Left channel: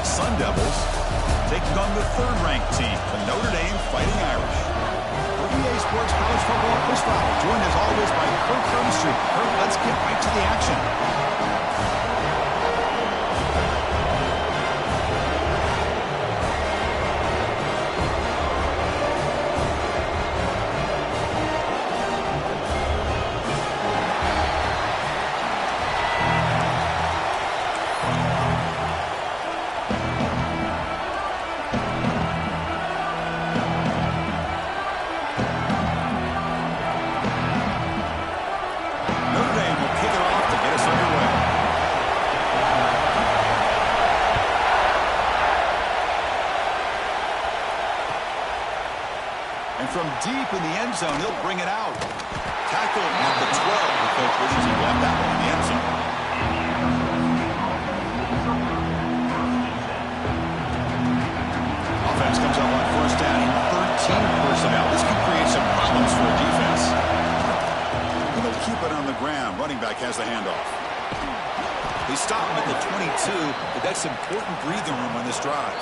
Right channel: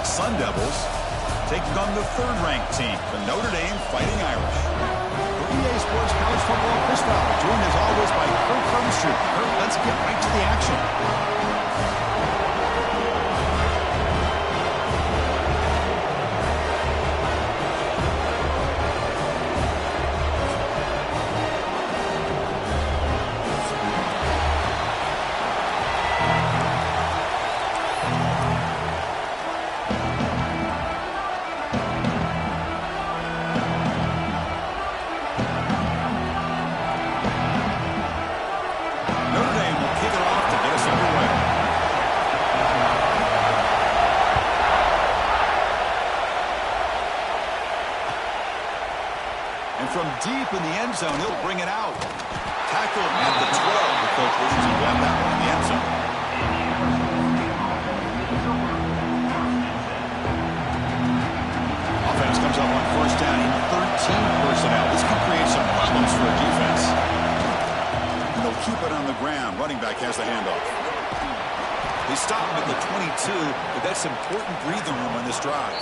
State Sun Devils taking on the third-ranked team, the Notre Dame Fighting Irish. For EA Sports College Football, Chris Fowler, joined as always by Kirk Herbstreit. Kirk, let's get right to the action. From deep in the end zone, he'll bring it out. Tackled at the 12. The coach wishes he left that one in the end zone. Offense comes up on first down in 13 personnel. This can create some problems for a defense. And they'll keep it on the ground. Running back has the handoff. They stop him at the 22, but that's important breathing room on this drive.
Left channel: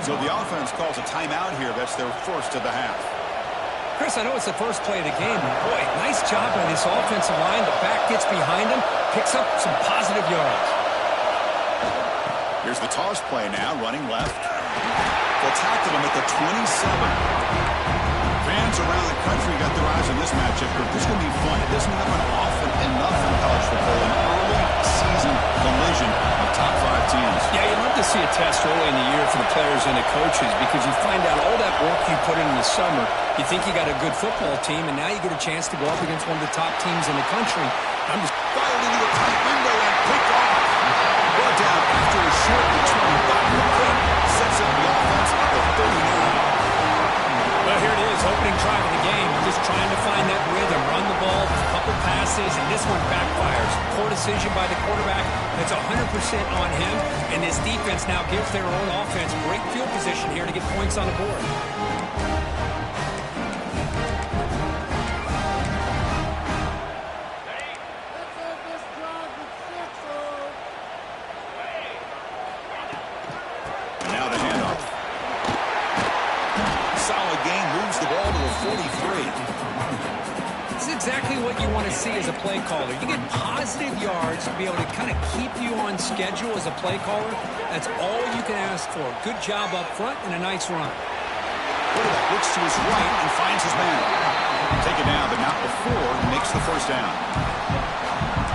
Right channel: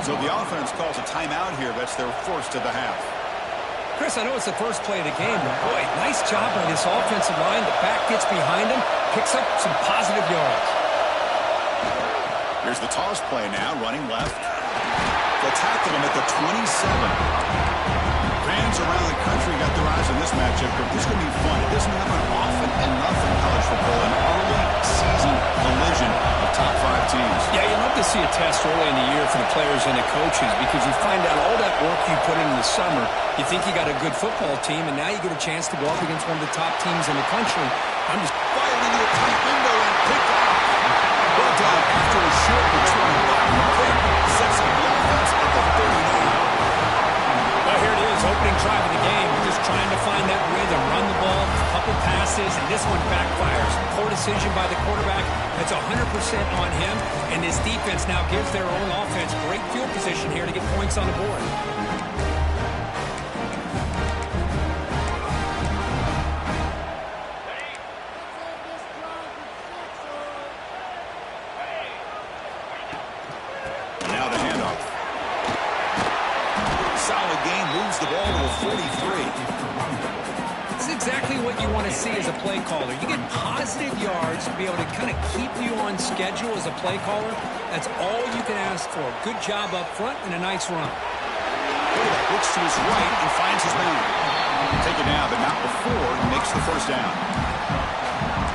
So the offense calls a timeout here. That's their first of the half. Chris, I know it's the first play of the game, but boy, nice job by this offensive line. The back gets behind him, picks up some positive yards. Here's the toss play now, running left. They'll tackle him at the 27. Fans around the country got their eyes on this matchup. This is going to be fun. It doesn't happen often enough in college football. An early season collision of top 5 teams. Yeah, you love to see a test early in the year for the players and the coaches because you find out all that work you put in the summer. You think you got a good football team, and now you get a chance to go up against one of the top teams in the country. I'm just fired into a tight window and picked off. Brought down after a short return. The pick sets up the offense at the 39. Well, here it is, opening drive of the game. Just trying to find that rhythm, run the ball, a couple passes, and this one backfires. Poor decision by the quarterback. That's 100% on him, and this defense now gives their own offense great field position here to get points on the board. Exactly what you want to see as a play caller. You get positive yards to be able to kind of keep you on schedule as a play caller. That's all you can ask for. Good job up front and a nice run. Quarterback looks to his right and finds his man. Take it down, but not before he makes the first down.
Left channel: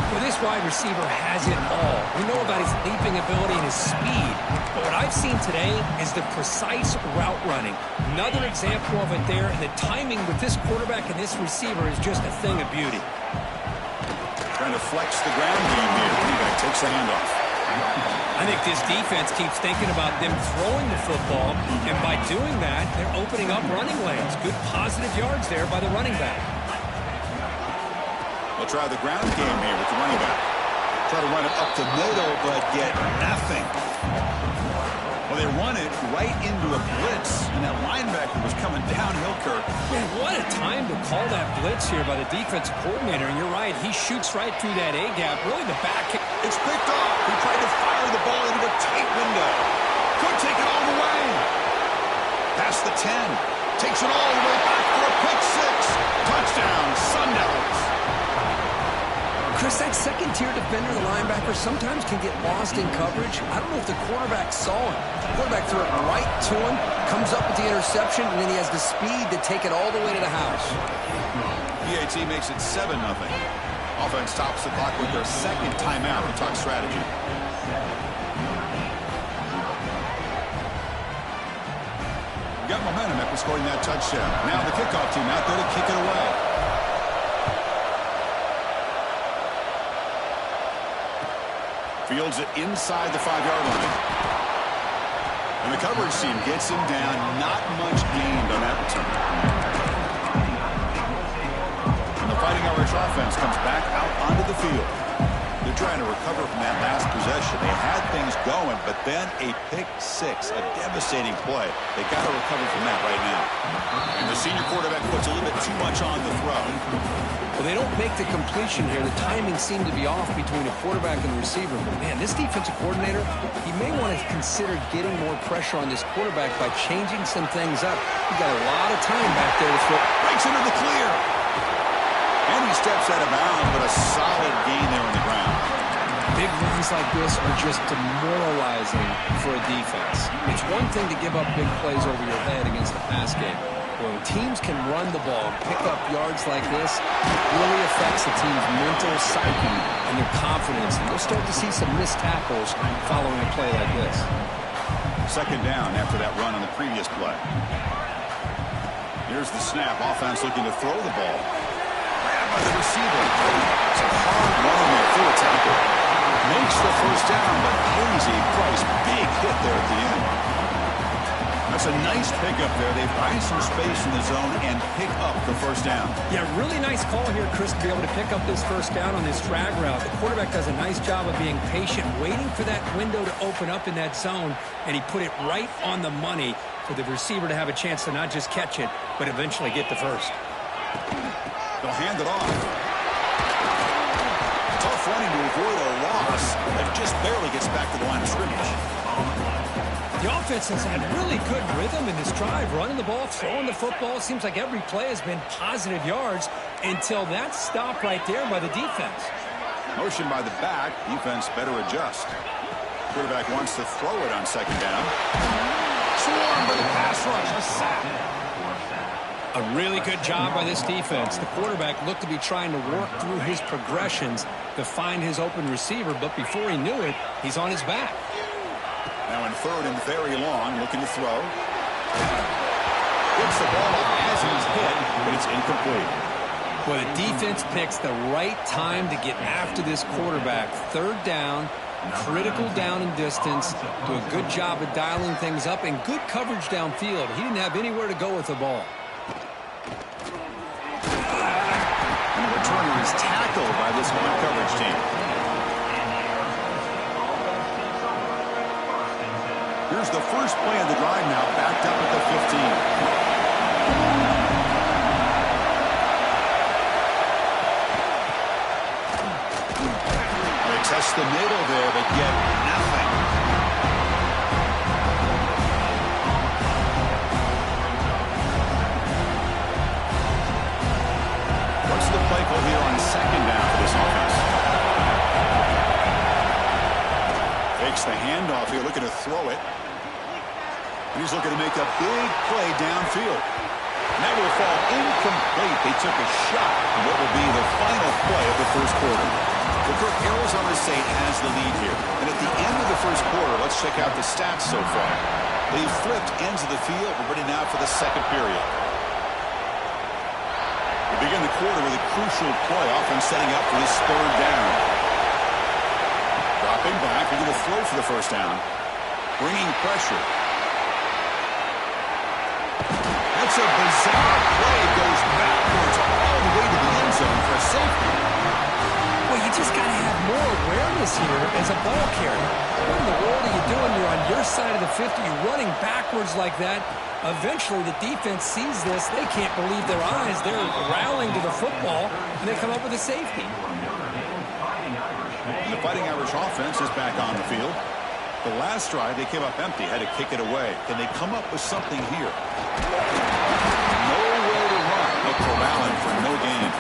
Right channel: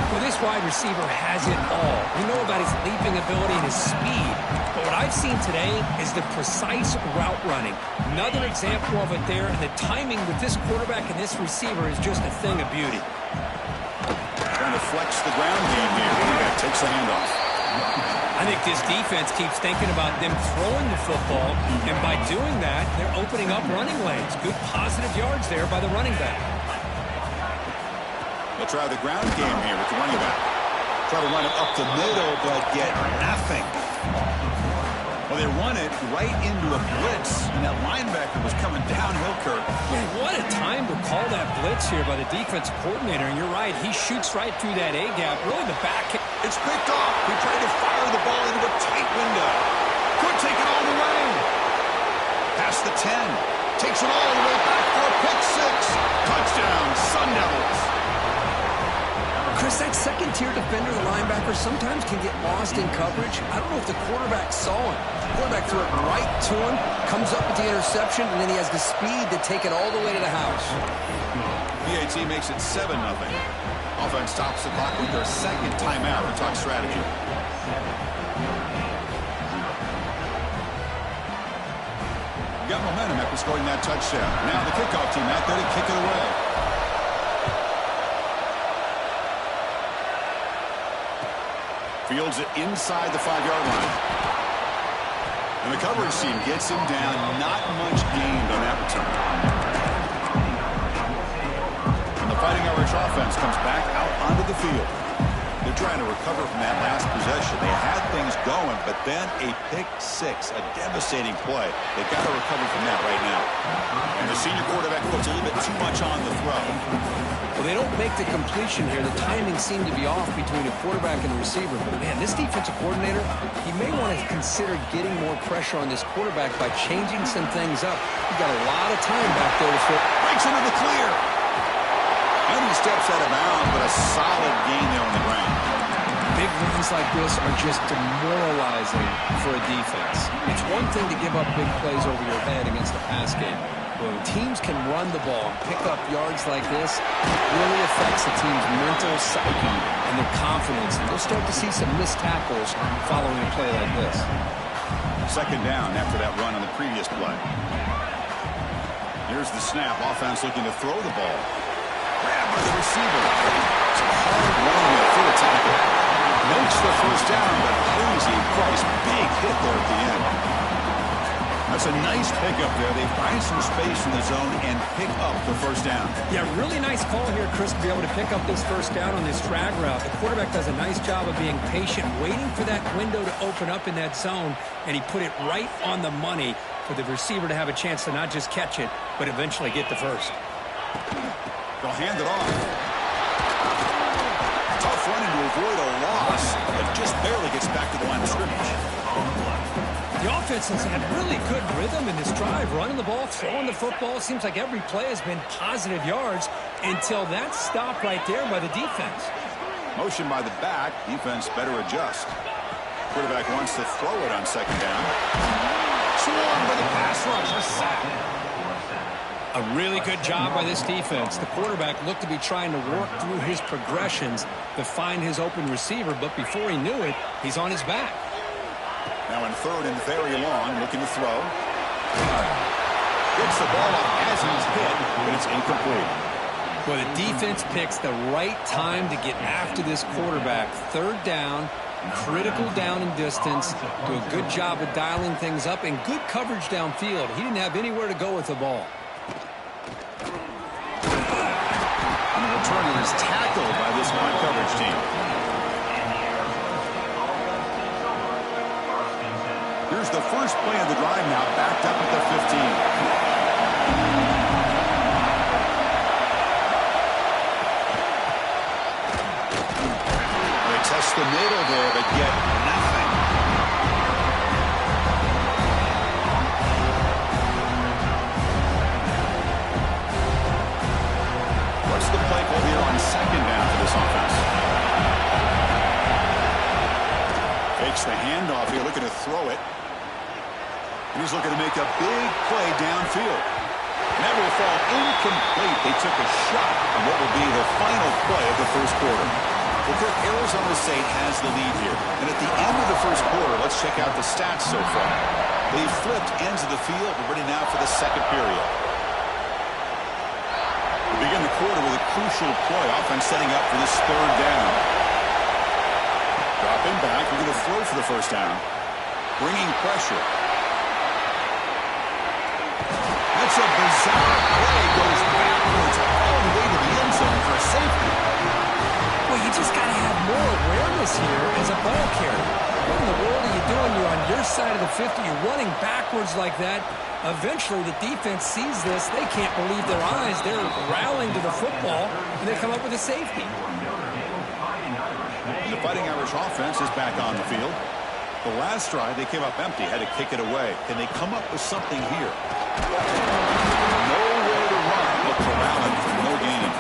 Well, this wide receiver has it all. We know about his leaping ability and his speed. But what I've seen today is the precise route running. Another example of it there, and the timing with this quarterback and this receiver is just a thing of beauty. Trying to flex the ground game here. Running back takes the handoff. I think this defense keeps thinking about them throwing the football, and by doing that, they're opening up running lanes. Good positive yards there by the running back. They'll try the ground game here with the running back. Try to run it up the middle, but get nothing. Well, they run it right into a blitz, and that linebacker was coming downhill, Kirk. Man, what a time to call that blitz here by the defensive coordinator. And you're right, he shoots right through that A-gap. Really the back. It's picked off. He tried to fire the ball into a tight window. Could take it all the way. Past the 10. Takes it all the way back for a pick 6. Touchdown, Sun Devils. Chris, that second-tier defender, the linebacker, sometimes can get lost in coverage. I don't know if the quarterback saw him. The quarterback threw it right to him, comes up with the interception, and then he has the speed to take it all the way to the house. PAT makes it 7-0. Offense stops the clock with their second timeout to talk strategy. Got momentum after scoring that touchdown. Now the kickoff team out there to kick it away. Fields it inside the 5-yard line. And the coverage team gets him down. Not much gained on that return. And the Fighting Irish offense comes back out onto the field. They're trying to recover from that last possession. They had things going, but then a pick six, a devastating play. They got to recover from that right now. And the senior quarterback puts a little bit too much on the throw. Well, they don't make the completion here. The timing seemed to be off between a quarterback and the receiver. But, man, this defensive coordinator, he may want to consider getting more pressure on this quarterback by changing some things up. He's got a lot of time back there to throw. Breaks into the clear. And he steps out of bounds, but a solid gain there on the ground. Big runs like this are just demoralizing for a defense. It's one thing to give up big plays over your head against the pass game. When teams can run the ball and pick up yards like this, it really affects the team's mental psyche and their confidence. And you'll start to see some missed tackles following a play like this. Second down after that run on the previous play. Here's the snap. Offense looking to throw the ball. Grabbed by the receiver. Some hard running there through a tackle. Makes the first down, but pays a price. Big hit there at the end. That's a nice pickup there. They find some space in the zone and pick up the first down. Yeah, really nice call here, Chris, to be able to pick up this first down on this drag route. The quarterback does a nice job of being patient, waiting for that window to open up in that zone, and he put it right on the money for the receiver to have a chance to not just catch it, but eventually get the first. They'll hand it off. Tough running to avoid a loss that just barely gets back to the line of scrimmage. The offense has had really good rhythm in this drive, running the ball, throwing the football. Seems like every play has been positive yards until that stop right there by the defense. Motion by the back. Defense better adjust. Quarterback wants to throw it on second down. Swarmed by the pass rush. A sack. A really good job by this defense. The quarterback looked to be trying to work through his progressions to find his open receiver, but before he knew it, he's on his back. Now in third and very long, looking to throw. Gets the ball up as he's hit, but it's incomplete. Well, the defense picks the right time to get after this quarterback. Third down, critical down and distance. Do a good job of dialing things up and good coverage downfield. He didn't have anywhere to go with the ball. And the returner is tackled by this man coverage team. Here's the first play of the drive now, backed up at the 15. They test the middle there, but get nothing. What's the play call here on second down for this offense? Fakes the handoff here, looking to throw it. And he's looking to make a big play downfield. And that will fall incomplete. They took a shot on what will be the final play of the first quarter. Well, Kirk, Arizona State has the lead here. And at the end of the first quarter, let's check out the stats so far. They've flipped ends of the field. We're ready now for the second period. We begin the quarter with a crucial play. Offense setting up for this third down. Dropping back. We're going to throw for the first down. Bringing pressure. That's a bizarre play. Goes backwards all the way to the end zone for a safety. Well, you just got to have more awareness here as a ball carrier. What in the world are you doing? You're on your side of the 50. You're running backwards like that. Eventually, the defense sees this. They can't believe their eyes. They're rallying to the football, and they come up with a safety. And the Fighting Irish offense is back on the field. The last drive, they came up empty, had to kick it away. Can they come up with something here? Nowhere to run. They'll corral him for no gain.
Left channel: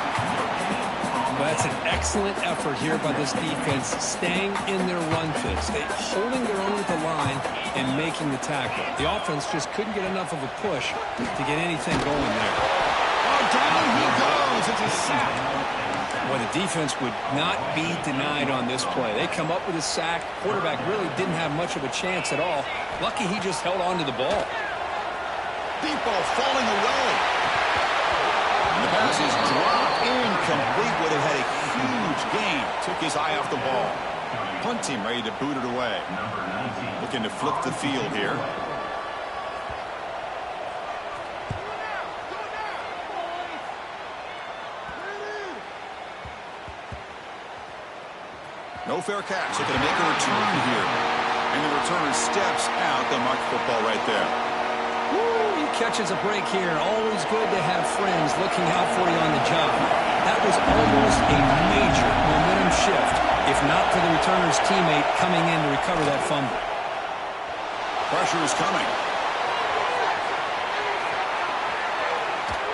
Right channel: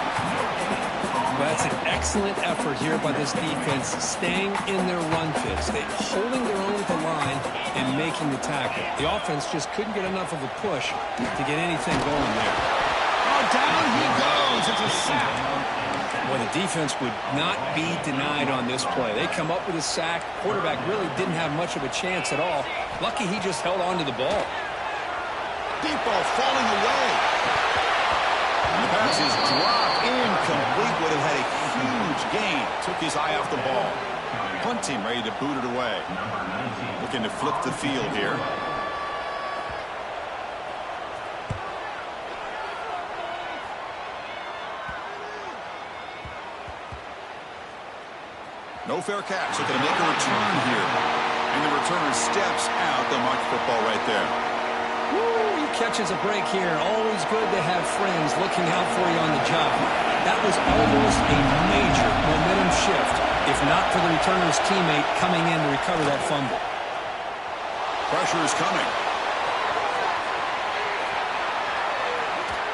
Well, that's an excellent effort here by this defense, staying in their run fits. They holding their own at the line and making the tackle. The offense just couldn't get enough of a push to get anything going there. Oh, down he goes. It's a sack. Well, the defense would not be denied on this play. They come up with a sack. Quarterback really didn't have much of a chance at all. Lucky he just held on to the ball. Deep ball falling away. And the pass is dropped incomplete. Would have had a huge gain. Took his eye off the ball. Punt team ready to boot it away. Looking to flip the field here. No fair catch. Looking to make a return here. And the returner steps out. They'll mark the football right there. Woo, he catches a break here. Always good to have friends looking out for you on the job. That was almost a major momentum shift, if not for the returner's teammate coming in to recover that fumble. Pressure is coming.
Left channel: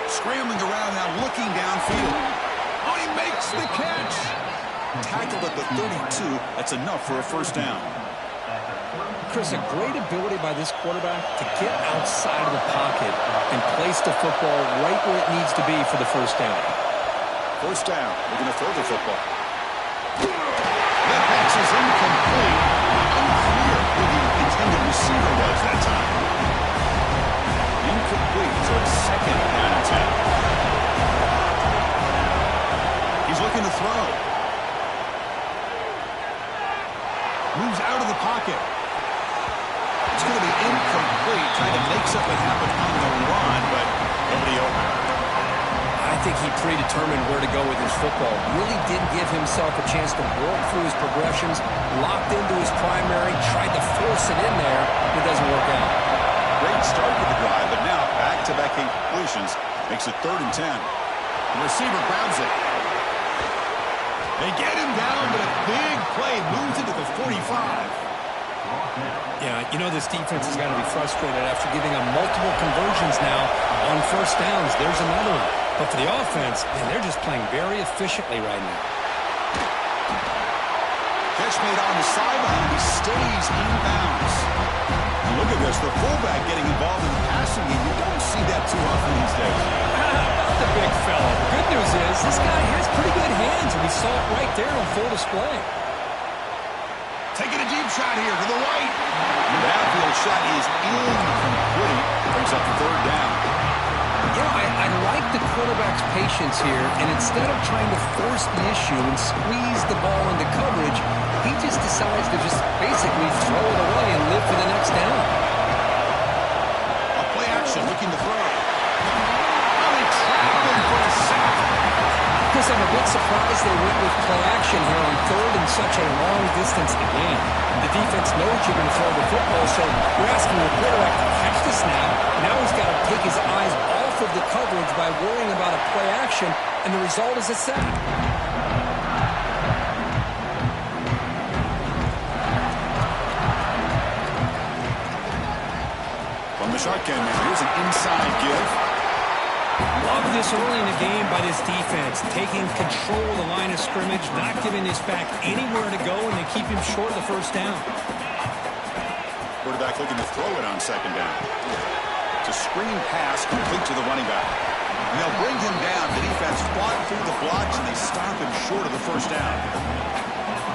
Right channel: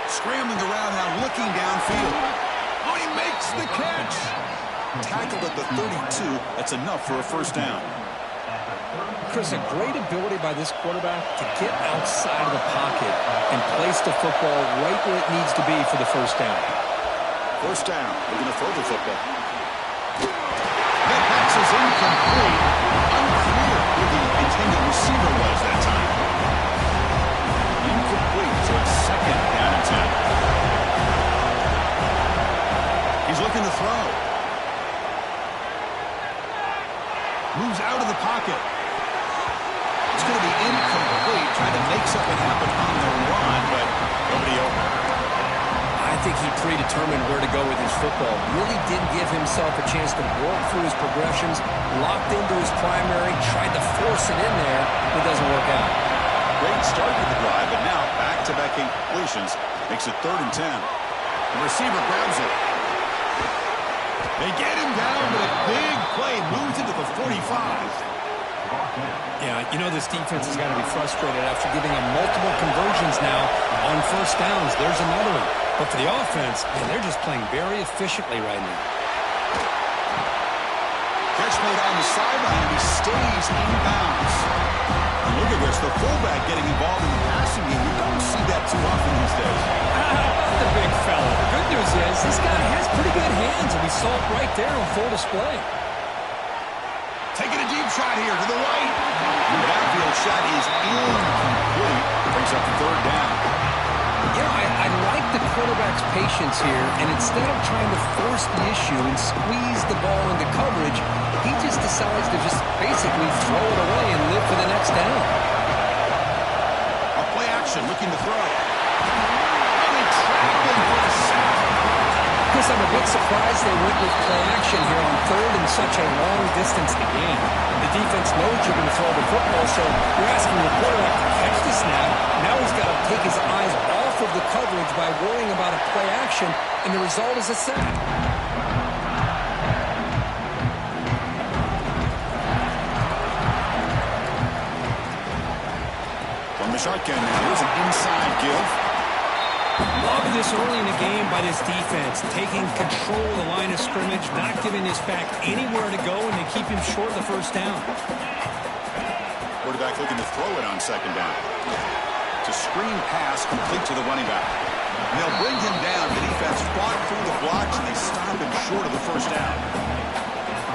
Scrambling around now, looking downfield. Oh, he makes the catch. Tackled at the 32. That's enough for a first down. Chris, a great ability by this quarterback to get outside of the pocket and place the football right where it needs to be for the first down. First down. We're going to throw the football. That pass is incomplete. Unclear who the intended receiver was that time. Incomplete, so it's second down and 10. He's looking to throw. Moves out of the pocket. It's going to be incomplete, trying to make something happen on the run, but nobody open. I think he predetermined where to go with his football. Really didn't give himself a chance to work through his progressions, locked into his primary, tried to force it in there. It doesn't work out. Great start to the drive, but now back-to-back incompletions makes it 3rd and 10. The receiver grabs it. They get him down, but a big play moves into the 45. Yeah, you know this defense has got to be frustrated after giving them multiple conversions now on first downs. There's another one. But for the offense, man, they're just playing very efficiently right now. Catch made on the sideline, and he stays in bounds. And look at this, the fullback getting involved in the passing game. You don't see that too often these days. How about the big fella? The good news is this guy has pretty good hands, and we saw it right there on full display. Taking a deep shot here to the right. The downfield shot is incomplete. Brings up 3rd down. You know, I like the quarterback's patience here, and instead of trying to force the issue and squeeze the ball into coverage, he just decides to just basically throw it away and live for the next down. A play action, looking to throw. Oh, they trap him for a sack. Chris, I'm a bit surprised they went with play action here on 3rd and such a long distance to gain. The defense knows you're going to throw the football, so you're asking your quarterback to catch the snap. Now he's got to take his eyes off of the coverage by worrying about a play action, and the result is a sack. From the shotgun now, here's an inside give. Love this early in the game by this defense, taking control of the line of scrimmage, not giving this back anywhere to go, and they keep him short of the first down. Quarterback looking to throw it on 2nd down. It's a screen pass complete to the running back. And they'll bring him down. The defense fought through the blocks, and they stop him short of the first down.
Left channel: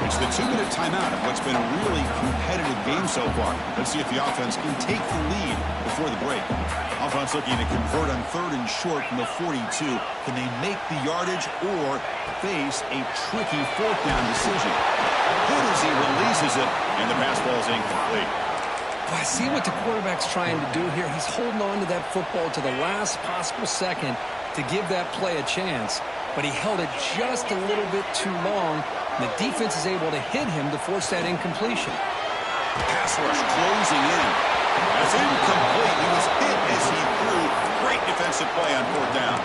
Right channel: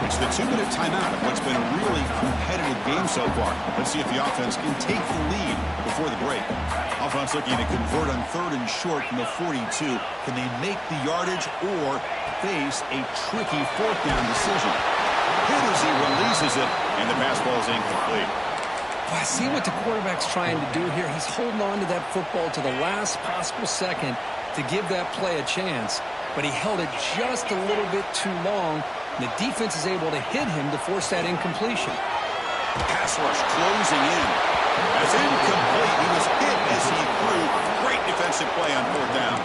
It's the 2-minute timeout of what's been a really competitive game so far. Let's see if the offense can take the lead before the break. Offense looking to convert on 3rd and short from the 42. Can they make the yardage or face a tricky 4th down decision? Hit as he releases it, and the pass ball is incomplete. Well, I see what the quarterback's trying to do here. He's holding on to that football to the last possible second to give that play a chance, but he held it just a little bit too long. The defense is able to hit him to force that incompletion. Pass rush closing in. That's incomplete. He was hit as he threw. Great defensive play on 4th down.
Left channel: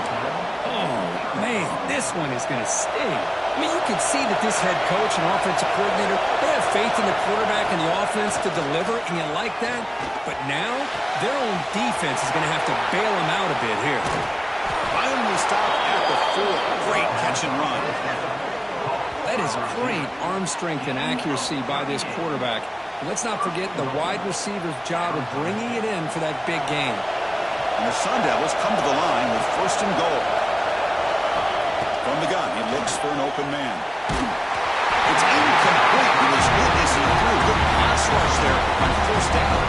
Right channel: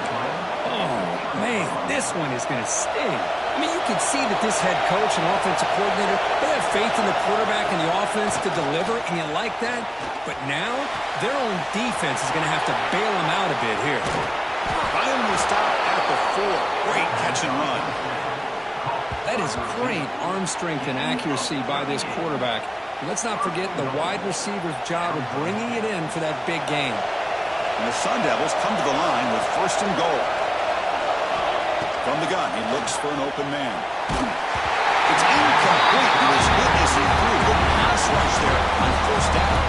Oh, man, this one is going to sting. I mean, you can see that this head coach and offensive coordinator, they have faith in the quarterback and the offense to deliver, and you like that. But now, their own defense is going to have to bail them out a bit here. Finally stopped at the 4. Great catch and run. That is great arm strength and accuracy by this quarterback. Let's not forget the wide receiver's job of bringing it in for that big game. And the Sun Devils come to the line with 1st and goal. From the gun, he looks for an open man. It's incomplete. He was hit as he threw. Good pass rush there on 1st down.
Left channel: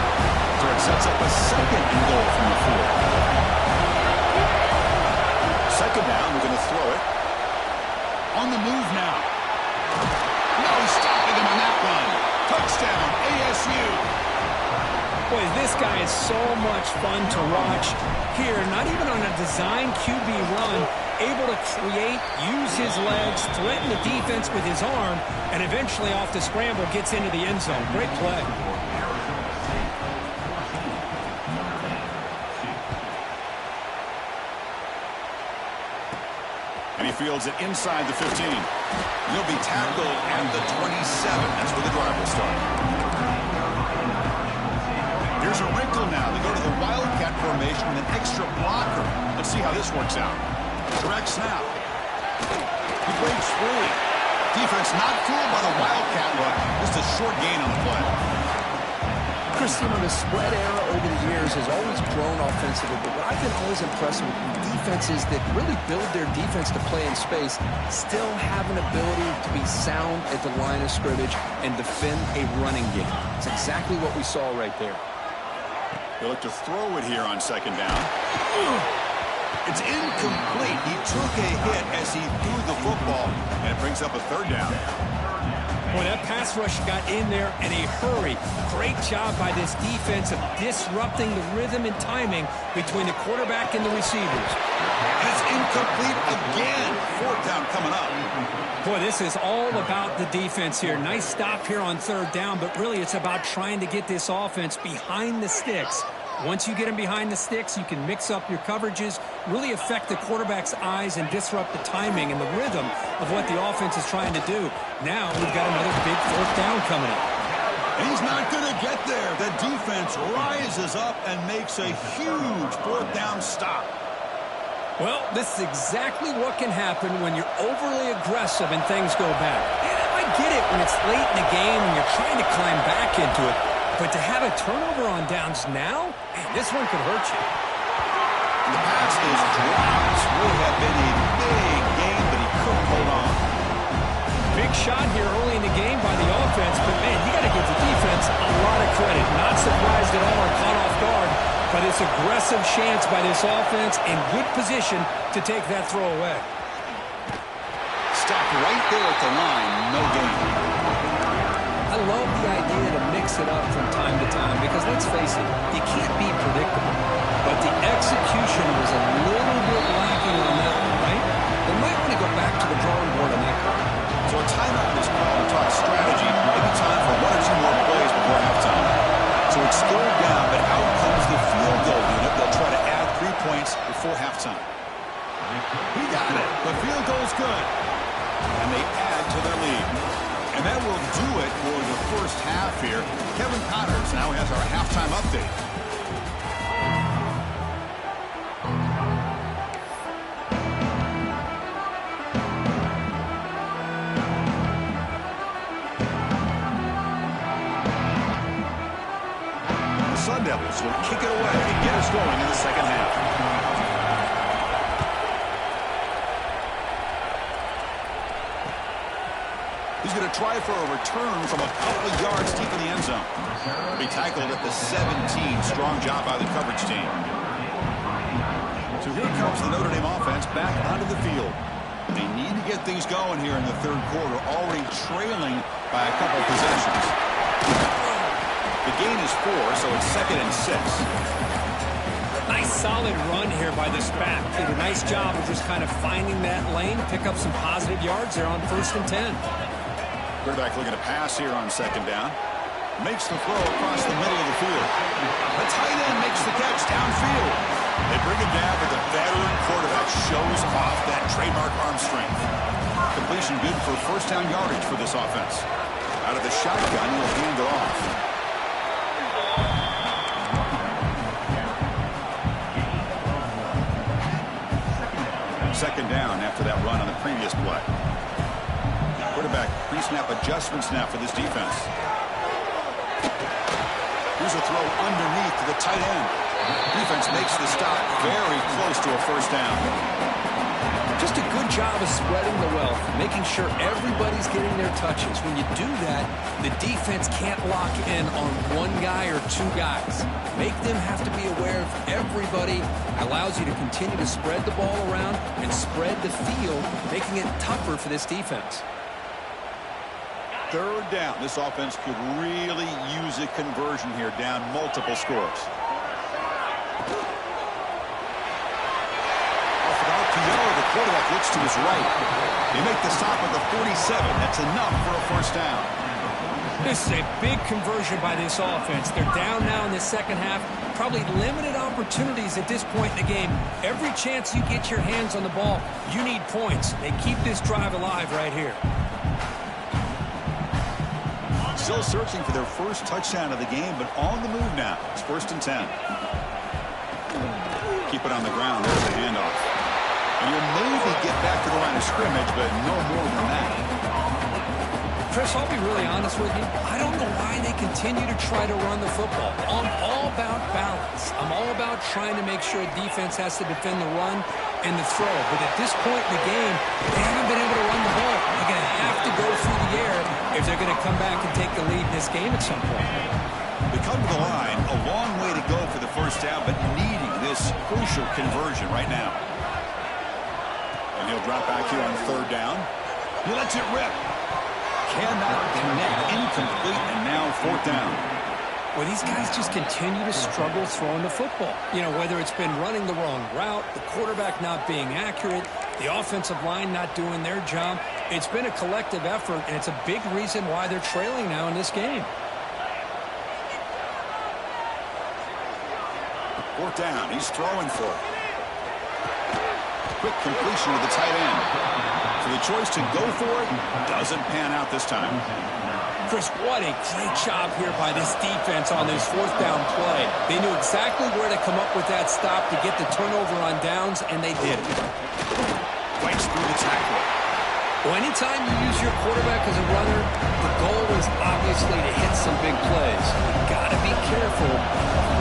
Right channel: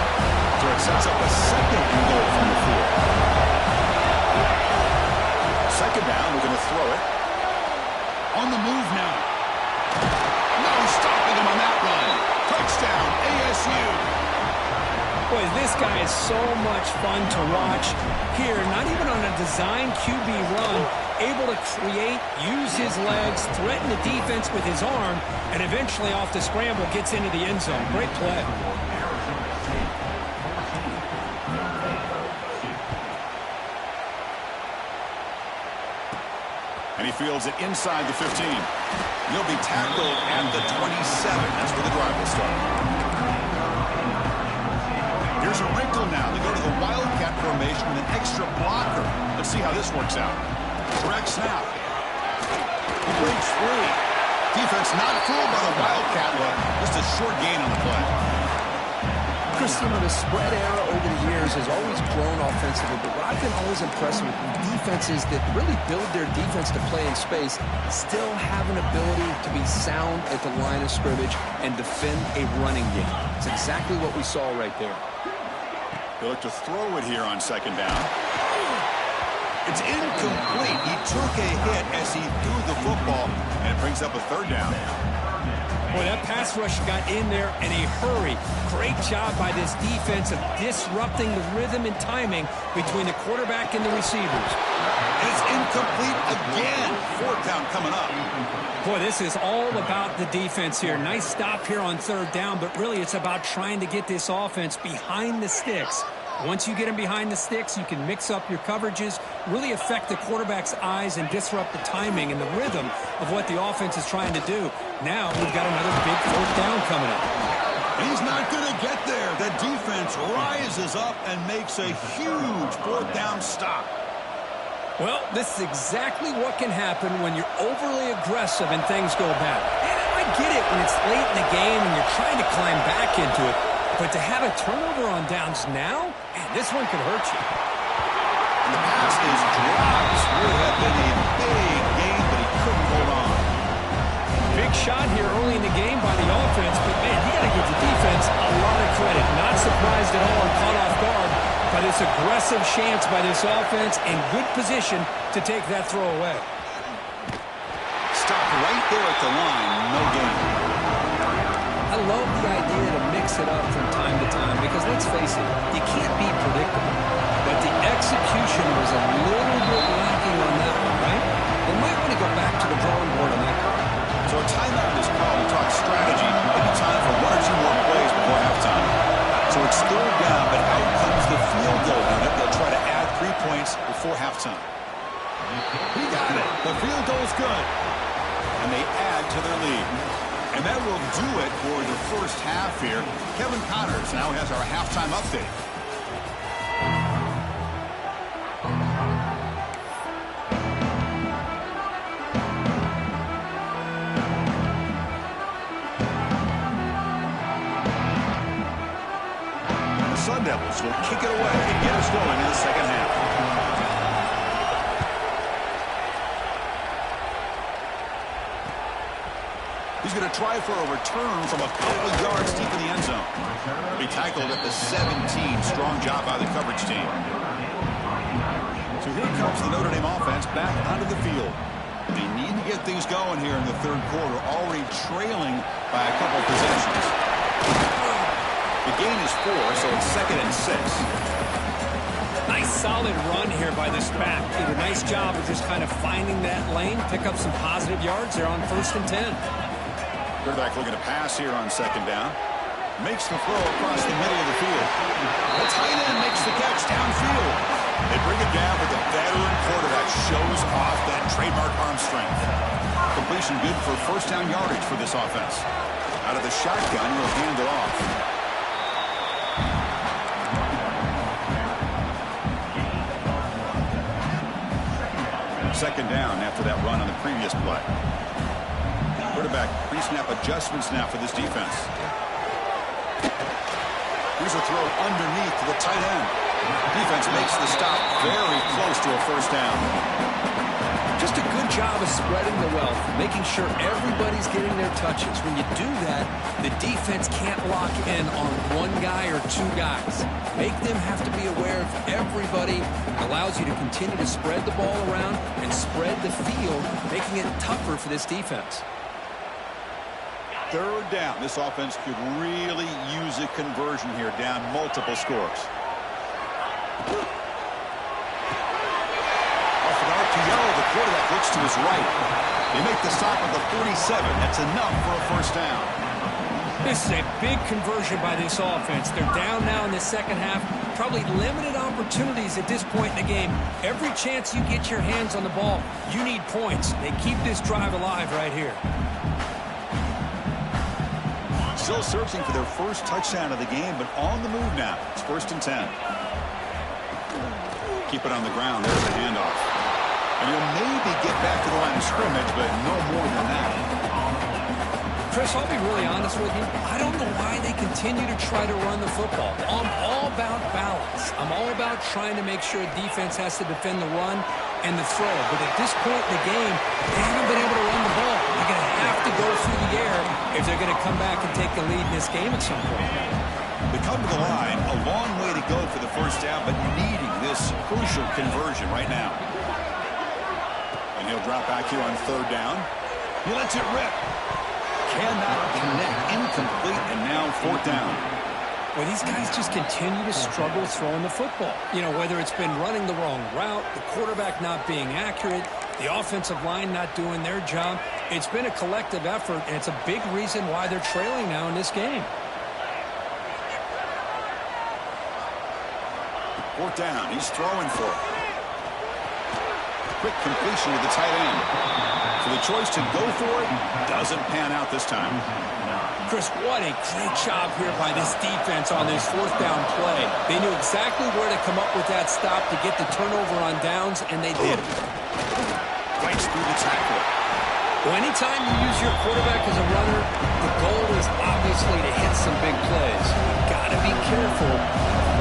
So it sets up a 2nd and goal from the 4. 2nd down, we're going to throw it. On the move now. No stopping him on that run. Touchdown, ASU. Boy, this guy is so much fun to watch here. Not even on a design QB run. able to create, use his legs, threaten the defense with his arm, and eventually off the scramble gets into the end zone. Great play. And he fields it inside the 15. He'll be tackled at the 27. That's where the drive will start. Here's a wrinkle now. They go to the Wildcat formation with an extra blocker. Let's see how this works out. Direct snap. He breaks free. Defense not fooled by the Wildcat look. Just a short gain on the play. Chris, you know, the spread era over the years has always grown offensively, but what I've been always impressed with defenses that really build their defense to play in space still have an ability to be sound at the line of scrimmage and defend a running game. It's exactly what we saw right there. They look to throw it here on second down. It's incomplete. He took a hit as he threw the football, and it brings up a third down. Boy, that pass rush got in there in a hurry. Great job by this defense of disrupting the rhythm and timing between the quarterback and the receivers. And it's incomplete again. Fourth down coming up. Boy, this is all about the defense here. Nice stop here on third down, but really it's about trying to get this offense behind the sticks. Once you get them behind the sticks, you can mix up your coverages, really affect the quarterback's eyes and disrupt the timing and the rhythm of what the offense is trying to do. Now we've got another big fourth down coming up. And he's not going to get there. The defense rises up and makes a huge fourth down stop. Well, this is exactly what can happen when you're overly aggressive and things go bad. And I get it when it's late in the game and you're trying to climb back into it. But to have a turnover on downs now, man, this one could hurt you. And the pass is dropped. Would have been a big gain, but he couldn't hold on. Big shot here early in the game by the offense, but, man, you got to give the defense a lot of credit. Not surprised at all and caught off guard by this aggressive chance by this offense in good position to take that throw away. Stopped right there at the line. No gain. I love the idea to mix it up from time to time because, let's face it, you can't be predictable. But the execution was a little bit lacking on that one, right? They might want to go back to the drawing board on that call. So a timeout is called to talk strategy. Maybe time for one or two more plays before halftime. So it's third down, but out comes the field goal unit. They'll try to add 3 points before halftime. He got it. The field goal's good. And they add to their lead. And that will do it for the first half here. Kevin Connors now has our halftime update. The Sun Devils will kick it away and get us going in the second half. He's going to try for a return from a couple of yards deep in the end zone. He'll be tackled at the 17. Strong job by the coverage team. So here comes the Notre Dame offense back onto the field. They need to get things going here in the third quarter, already trailing by a couple of possessions. The gain is 4, so it's 2nd and 6. Nice solid run here by this back. Did a nice job of just kind of finding that lane, pick up some positive yards there on 1st and 10. Quarterback looking to pass here on second down. Makes the throw across the middle of the field. The tight end makes the catch downfield. They bring it down, but the veteran quarterback shows off that trademark arm strength. Completion good for first down yardage for this offense. Out of the shotgun, he'll hand it off. Second down after that run on the previous play. Quarterback pre-snap adjustments now for this defense. Here's a throw underneath to the tight end. Defense makes the stop very close to a first down. Just a good job of spreading the wealth, making sure everybody's getting their touches. When you do that, the defense can't lock in on one guy or two guys. Make them have to be aware of everybody. It allows you to continue to spread the ball around and spread the field, making it tougher for this defense. Third down. This offense could really use a conversion here, down multiple scores. A off an RPO. The quarterback looks to his right. They make the stop at the 47. That's enough for a first down. This is a big conversion by this offense. They're down now in the second half. Probably limited opportunities at this point in the game. Every chance you get your hands on the ball, you need points. They keep this drive alive right here. Still searching for their first touchdown of the game, but on the move now. It's 1st and 10. Keep it on the ground. There's the handoff. And you'll maybe get back to the line of scrimmage, but no more than that. Chris, I'll be really honest with you. I don't know why they continue to try to run the football. I'm all about balance. I'm all about trying to make sure a defense has to defend the run and the throw. But at this point in the game, they haven't been able to run the ball. They're going to have to go through the air if they're going to come back and take the lead in this game at some point. They come to the line, a long way to go for the first down, but needing this crucial conversion right now. And he'll drop back here on 3rd down. He lets it rip. Cannot connect, incomplete, and now 4th down. Well, these guys just continue to struggle throwing the football. You know, whether it's been running the wrong route, the quarterback not being accurate, the offensive line not doing their job. It's been a collective effort, and it's a big reason why they're trailing now in this game. 4th down, he's throwing for it. Quick completion to the tight end. So the choice to go for it doesn't pan out this time. Chris, what a great job here by this defense on this 4th down play. They knew exactly where to come up with that stop to get the turnover on downs, and they did it. Fights through the tackle. Well, anytime you use your quarterback as a runner, the goal is obviously to hit some big plays. You've got to be careful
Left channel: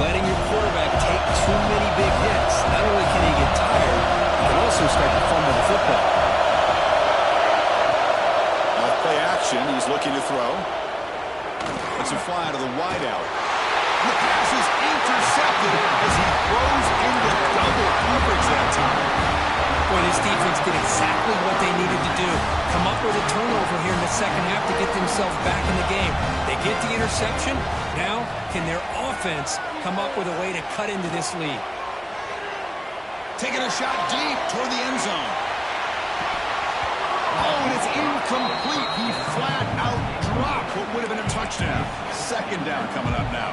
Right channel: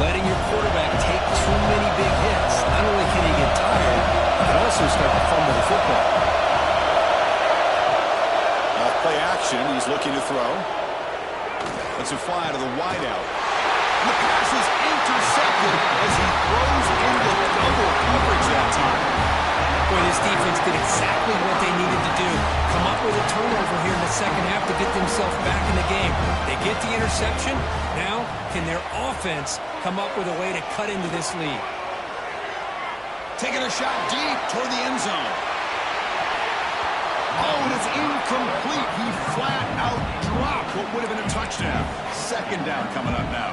letting your quarterback take too many big hits. Not only can he get tired, he can also start to fumble the football. Off play action, he's looking to throw. Lets it fly to the wideout. The pass is intercepted as he throws into double coverage that time. Boy, this defense did exactly what they needed to do. Come up with a turnover here in the second half to get themselves back in the game. They get the interception. Now, can their offense come up with a way to cut into this lead? Taking a shot deep toward the end zone. Oh, and it's incomplete. He flat out dropped what would have been a touchdown. 2nd down coming up now.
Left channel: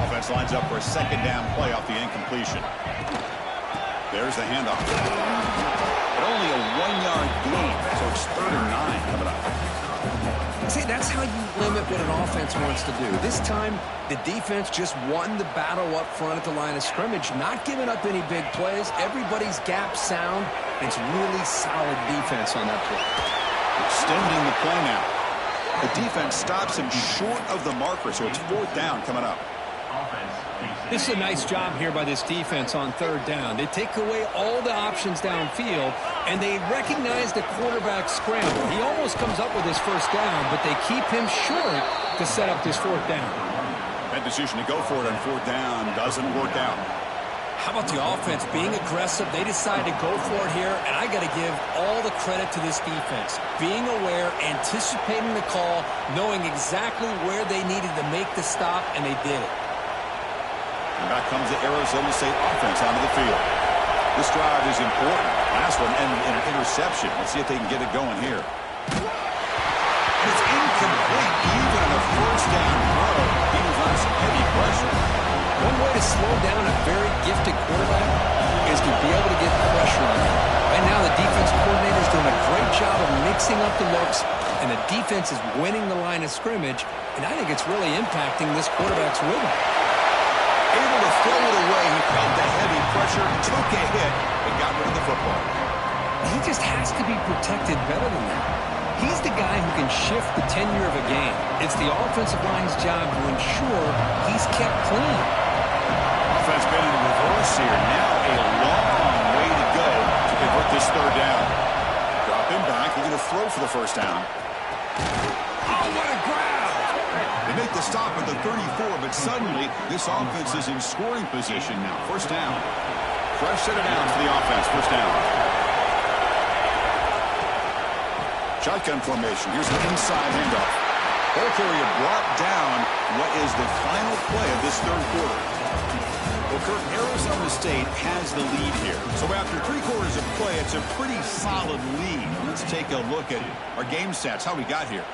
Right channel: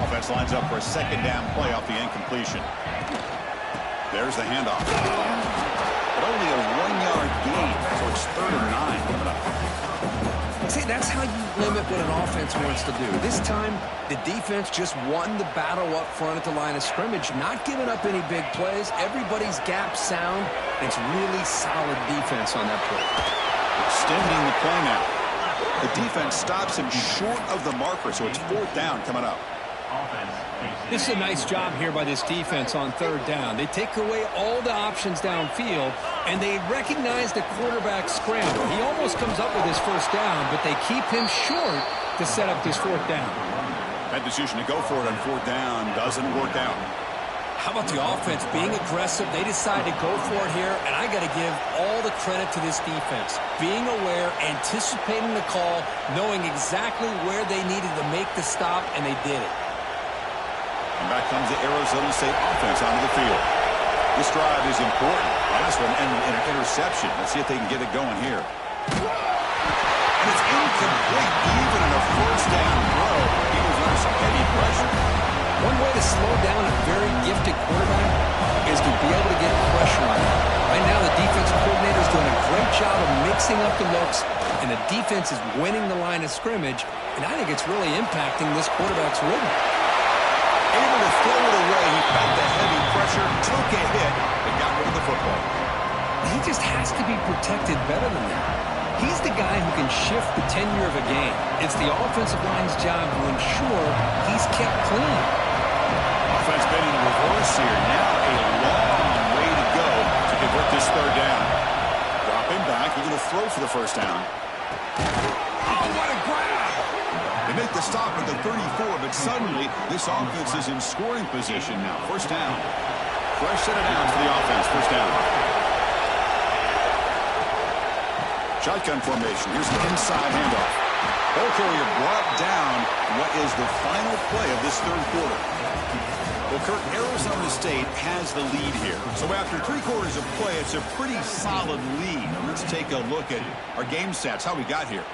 Offense lines up for a 2nd down play off the incompletion. There's the handoff. But only a 1-yard gain, so it's 3rd and 9 coming up. See, that's how you limit what an offense wants to do. This time, the defense just won the battle up front at the line of scrimmage, not giving up any big plays. Everybody's gap sound. It's really solid defense on that play. Extending the play now. The defense stops him short of the marker, so it's 4th down coming up. This is a nice job here by this defense on 3rd down. They take away all the options downfield, and they recognize the quarterback scramble. He almost comes up with his 1st down, but they keep him short to set up this 4th down. That decision to go for it on 4th down doesn't work out. How about the offense being aggressive? They decide to go for it here, and I got to give all the credit to this defense. Being aware, anticipating the call, knowing exactly where they needed to make the stop, and they did it. And back comes the Arizona State offense onto the field. This drive is important. Last one ended in an interception. Let's see if they can get it going here. And it's incomplete. Even in a 1st down throw, he was under some heavy pressure. One way to slow down a very gifted quarterback is to be able to get pressure on him. Right now, the defense coordinator is doing a great job of mixing up the looks, and the defense is winning the line of scrimmage, and I think it's really impacting this quarterback's rhythm. Able to throw it away. He felt the heavy pressure, took a hit, and got rid of the football. He just has to be protected better than that. He's the guy who can shift the tenure of a game. It's the offensive line's job to ensure he's kept clean. Offense been in reverse here. Now a long way to go to convert this 3rd down. Drop him back. He's going to throw for the 1st down. Oh, what a grab! They make the stop at the 34, but suddenly this offense is in scoring position now. 1st down. Fresh set of downs for the offense. 1st down. Shotgun formation. Here's an inside handoff. Ball carrier brought down what is the final play of this third quarter. Well, Kirk, Arizona State has the lead here. So after 3 quarters of play, it's a pretty solid lead. Let's take a look at our game stats, how we got here.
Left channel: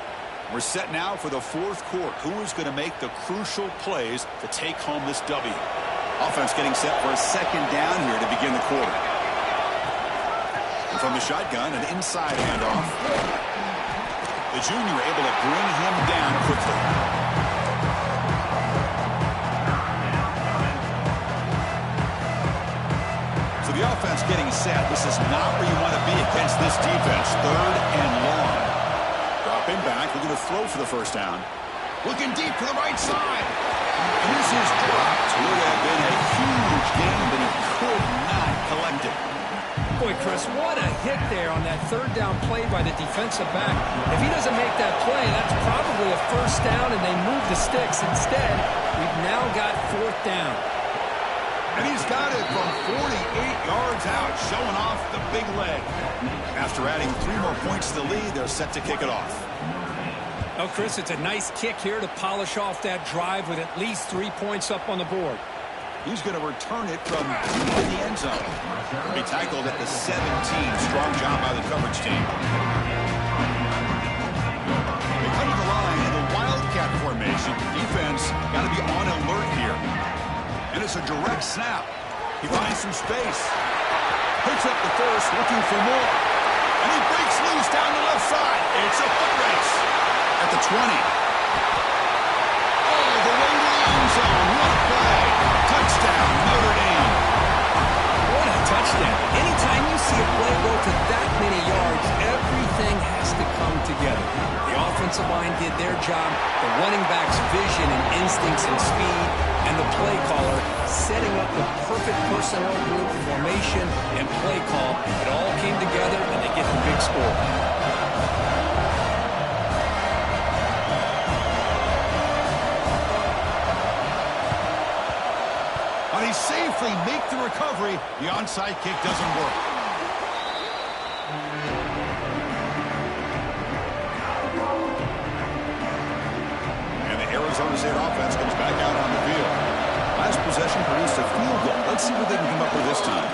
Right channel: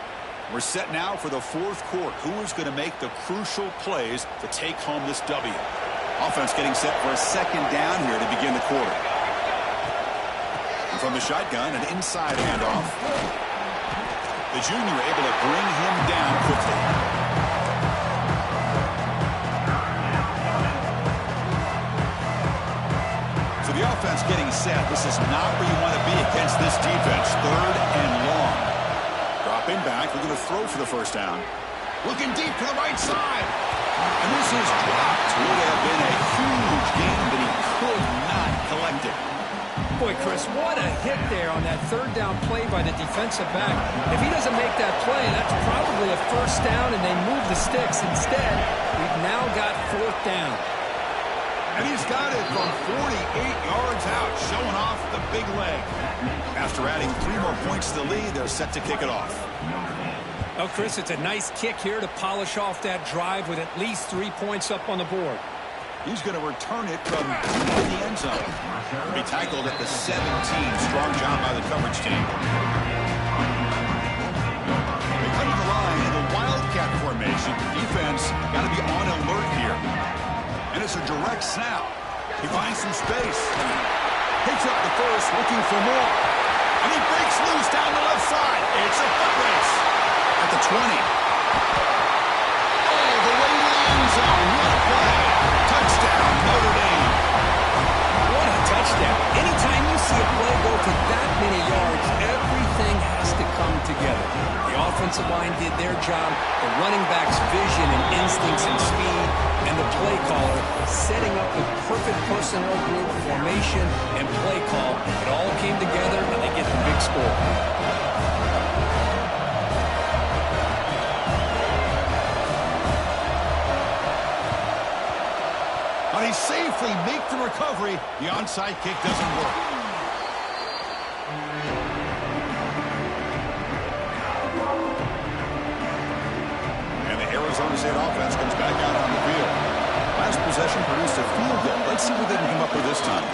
We're set now for the fourth quarter. Who is going to make the crucial plays to take home this W? Offense getting set for a second down here to begin the quarter. And from the shotgun, an inside handoff. The junior able to bring him down quickly. So the offense getting set. This is not where you want to be against this defense. 3rd and long. Dropping back, looking to throw for the first down. Looking deep to the right side. And this is dropped. Would have been a huge gain, but he could not collect it. Boy, Chris, what a hit there on that 3rd down play by the defensive back. If he doesn't make that play, that's probably a first down, and they move the sticks. Instead, we've now got 4th down. And he's got it from 48 yards out, showing off the big leg. After adding 3 more points to the lead, they're set to kick it off. Oh, Chris, it's a nice kick here to polish off that drive with at least 3 points up on the board. He's going to return it from in the end zone. He'll be tackled at the 17. Strong job by the coverage team. They come to the line in the Wildcat formation. Defense got to be on alert here. And it's a direct snap. He finds some space. Picks up the first, looking for more. And he breaks loose down the left side. It's a foot race at the 20. All the way to the end zone. What a play. Touchdown, Notre Dame. What a touchdown. Anytime you see a play go to that many yards, everything has to come together. The offensive line did their job, the running back's vision and instincts and speed, and the play caller setting up the perfect personnel group, formation, and play call. It all came together, and they get the big score. But he safely make the recovery. The onside kick doesn't work. And the Arizona State offense comes back out on the field. Last possession produced a field goal. Let's see what they can come up with this time.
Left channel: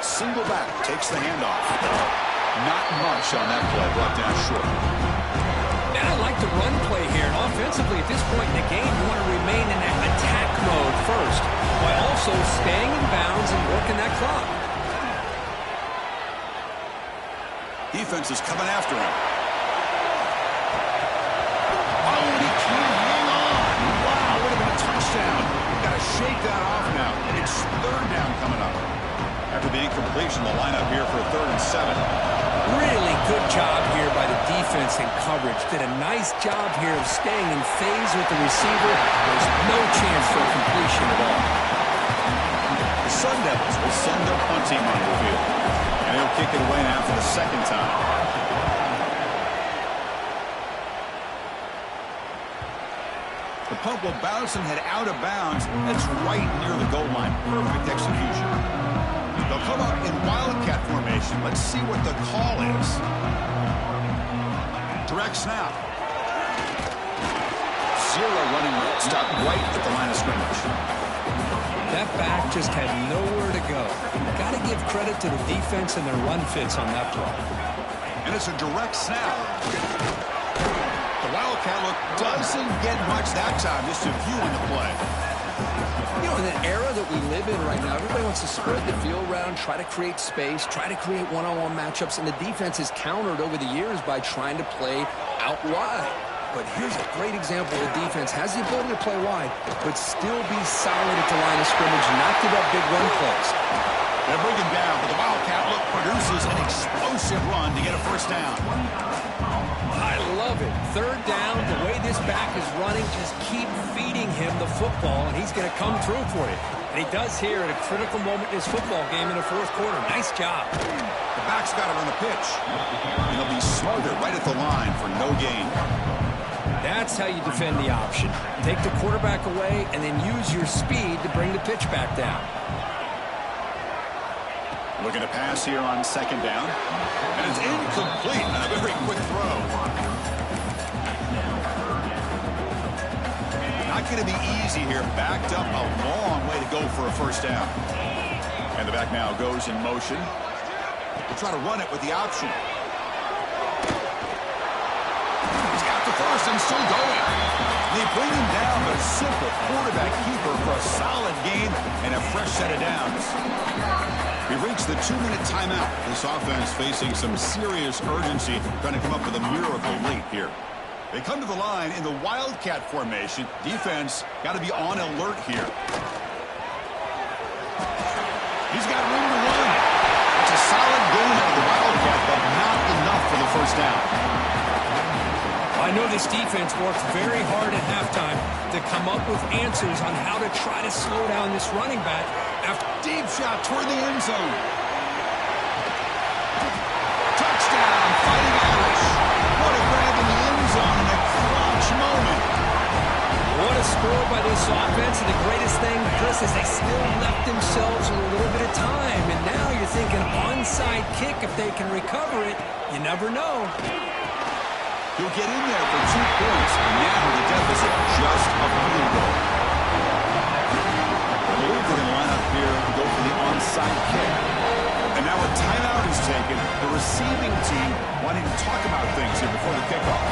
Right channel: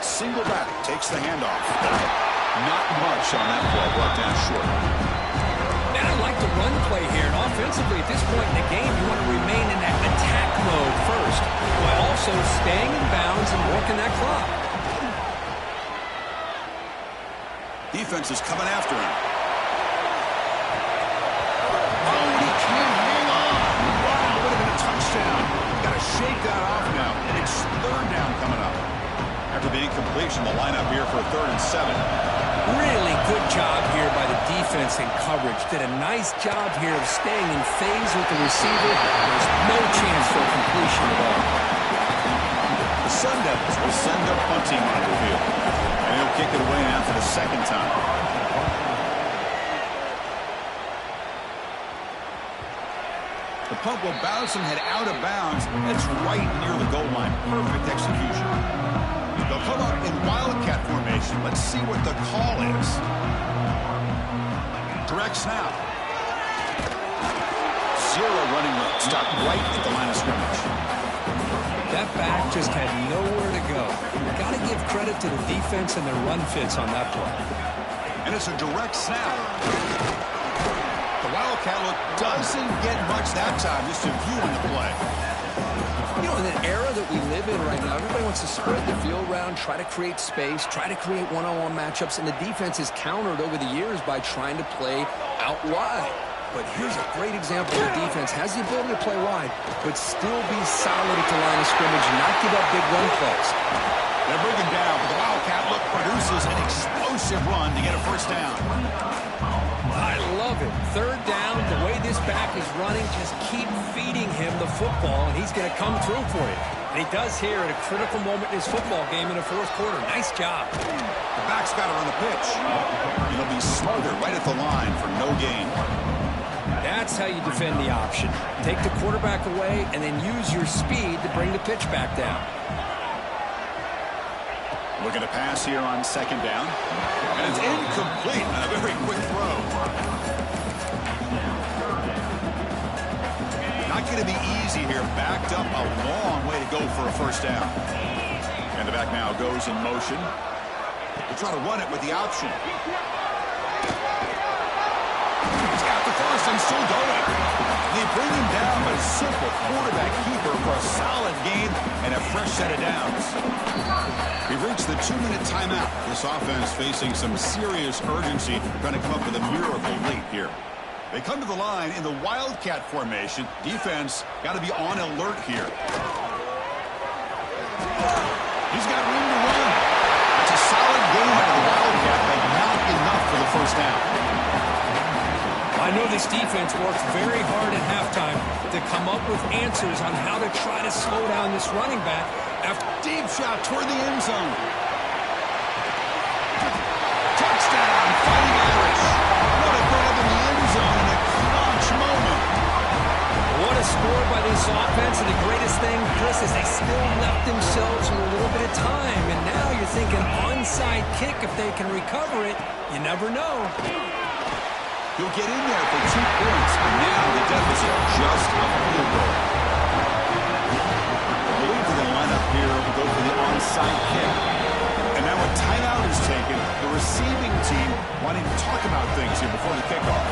Single back takes the handoff. Not much on that play, brought down short. And I like the run play here. And offensively, at this point in the game, you want to remain in that attack mode first, while also staying in bounds and working that clock. Defense is coming after him. Oh, and he can't hang on. Wow, would have been a touchdown. Got to shake that off now. It's 3rd down coming up. After the incompletion, the lineup here for 3rd and 7. Really good job here by the defense in coverage. Did a nice job here of staying in phase with the receiver. There's no chance for a completion at all. The Sun Devils will send their punt team on the field. And he'll kick it away now for the 2nd time. The punt will bounce and head out of bounds. That's right near the goal line. Perfect execution. They'll come up in Wildcat formation. Let's see what the call is. Direct snap. 0 running room. Stop right at the line of scrimmage. That back just had nowhere to go. Got to give credit to the defense and their run fits on that play. And it's a direct snap. The Wildcat look doesn't get much that time. Just a view on the play. You know, in the era that we live in right now, everybody wants to spread the field around, try to create space, try to create one-on-one matchups, and the defense is countered over the years by trying to play out wide. But here's a great example where the defense has the ability to play wide, but still be solid at the line of scrimmage and not give up big run plays. They bring him down, but the Wildcat look produces an explosive run to get a first down. I love it. 3rd down, the way this back is running, just keep feeding him the football, and he's going to come through for you. And he does here at a critical moment in his football game in the 4th quarter. Nice job. The back's got to run the pitch. And he'll be smarter right at the line for no gain. That's how you defend the option. Take the quarterback away and then use your speed to bring the pitch back down. Looking to pass here on 2nd down. And it's incomplete on a very quick throw. Not going to be easy here. Backed up a long way to go for a first down. And the back now goes in motion. We'll try to run it with the option. He's got the first and still going. They bring him down, but a simple quarterback keeper for a solid game and a fresh set of downs. We've reached the 2-minute timeout. This offense facing some serious urgency, trying to come up with a miracle late here. They come to the line in the Wildcat formation. Defense got to be on alert here. He's got room to run. That's a solid game out of the Wildcat, but not enough for the first down. I know this defense worked very hard at halftime to come up with answers on how to try to slow down this running back. After deep shot toward the end zone. Touchdown, Fighting Irish. What a grab in the end zone in a clutch moment. What a score by this offense, and the greatest thing, Chris, is they still left themselves with a little bit of time, and now you're thinking onside kick if they can recover it. You never know. He'll get in there for 2 points, and now the deficit just a field goal. I believe they're going to line up here and go for the onside kick. And now a timeout is taken. The receiving team wanting to talk about things here before the kickoff.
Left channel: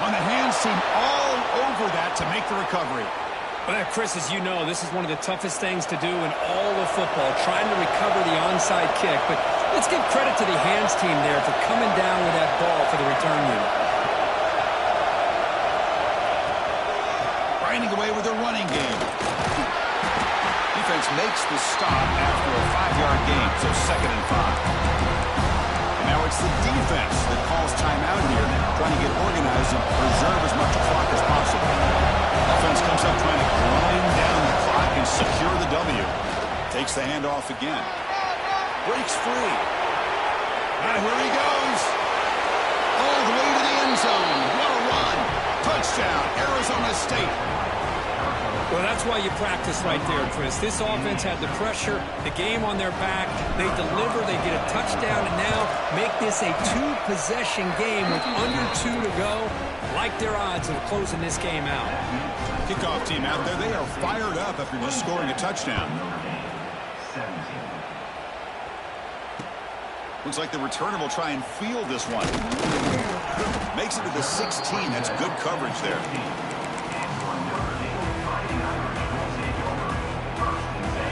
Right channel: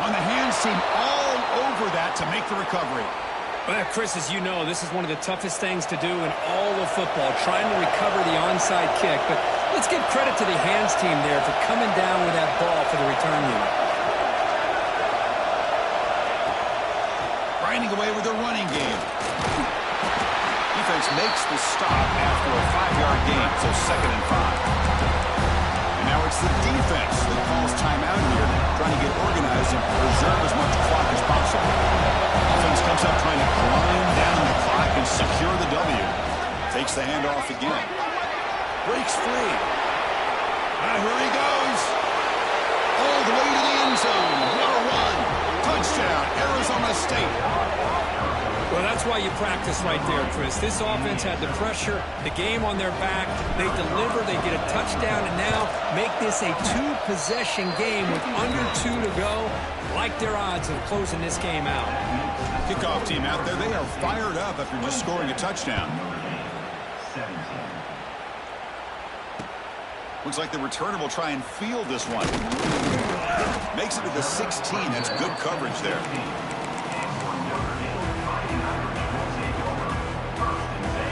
On the hands team all over that to make the recovery. Well, Chris, as you know, this is one of the toughest things to do in all of football, trying to recover the onside kick. But let's give credit to the hands team there for coming down with that ball for the return unit. Grinding away with their running game. Defense makes the stop after a 5-yard gain, so 2nd and 5. And now it's the defense that calls timeout here, trying to get organized and preserve as much clock as possible. Offense comes up trying to grind down the clock and secure the W. Takes the handoff again. Breaks free. Here he goes. All the way to the end zone. What a run. Touchdown, Arizona State. Well, that's why you practice right there, Chris. This offense had the pressure, the game on their back. They deliver, they get a touchdown, and now make this a 2-possession game with under 2 to go. Like their odds of closing this game out. Kickoff team out there, they are fired up after just scoring a touchdown. Looks like the returner will try and field this one. Makes it to the 16. That's good coverage there.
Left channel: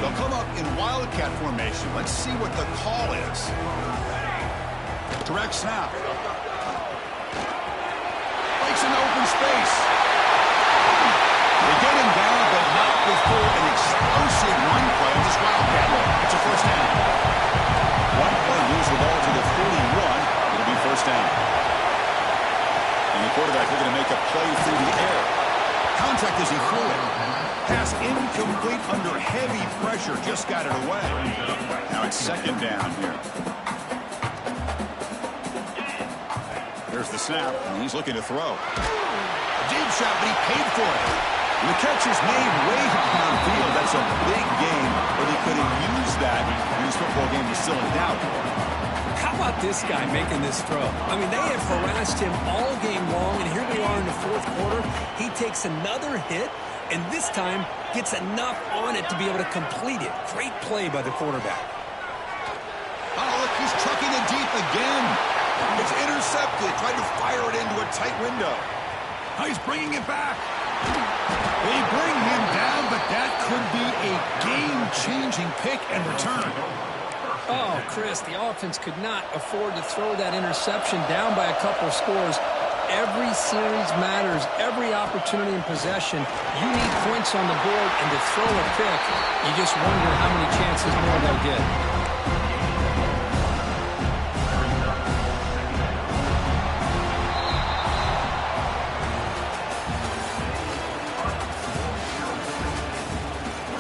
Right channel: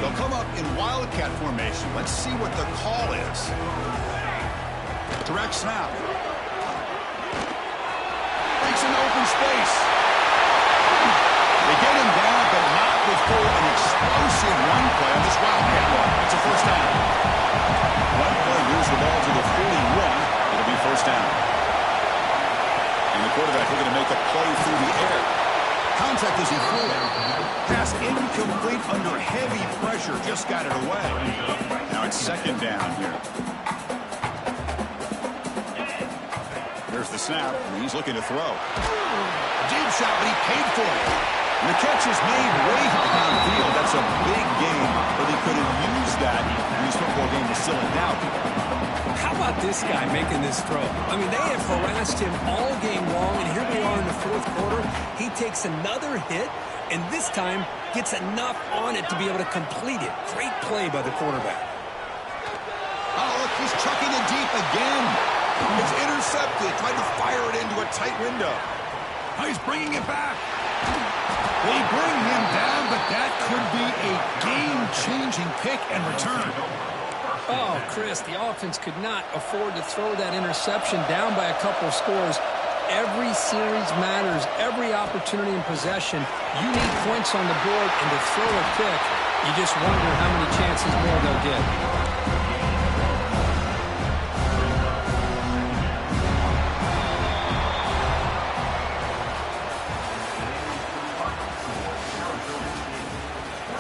They'll come up in Wildcat formation. Let's see what the call is. Direct snap. Breaks into open space. They get him down, but not before an explosive run play on this Wildcat look. It's a first down. One play moves the ball to the 41. It'll be first down. And the quarterback looking to make a play through the air. Contact as he threw it. Pass incomplete under heavy pressure. Just got it away. Now it's 2nd down here. There's the snap, and he's looking to throw. Deep shot, but he paid for it. And the catch is made way downfield. That's a big game, but he could have used that when this football game was still in doubt. How about this guy making this throw? I mean, they have harassed him all game long, and here we are in the 4th quarter. He takes another hit, and this time gets enough on it to be able to complete it. Great play by the quarterback. Oh, look, he's trucking it deep again. It's intercepted. Tried to fire it into a tight window. Now he's bringing it back. They bring him down, but that could be a game-changing pick and return. Oh, Chris, the offense could not afford to throw that interception down by a couple of scores. Every series matters. Every opportunity in possession. You need points on the board, and to throw a pick, you just wonder how many chances more they'll get.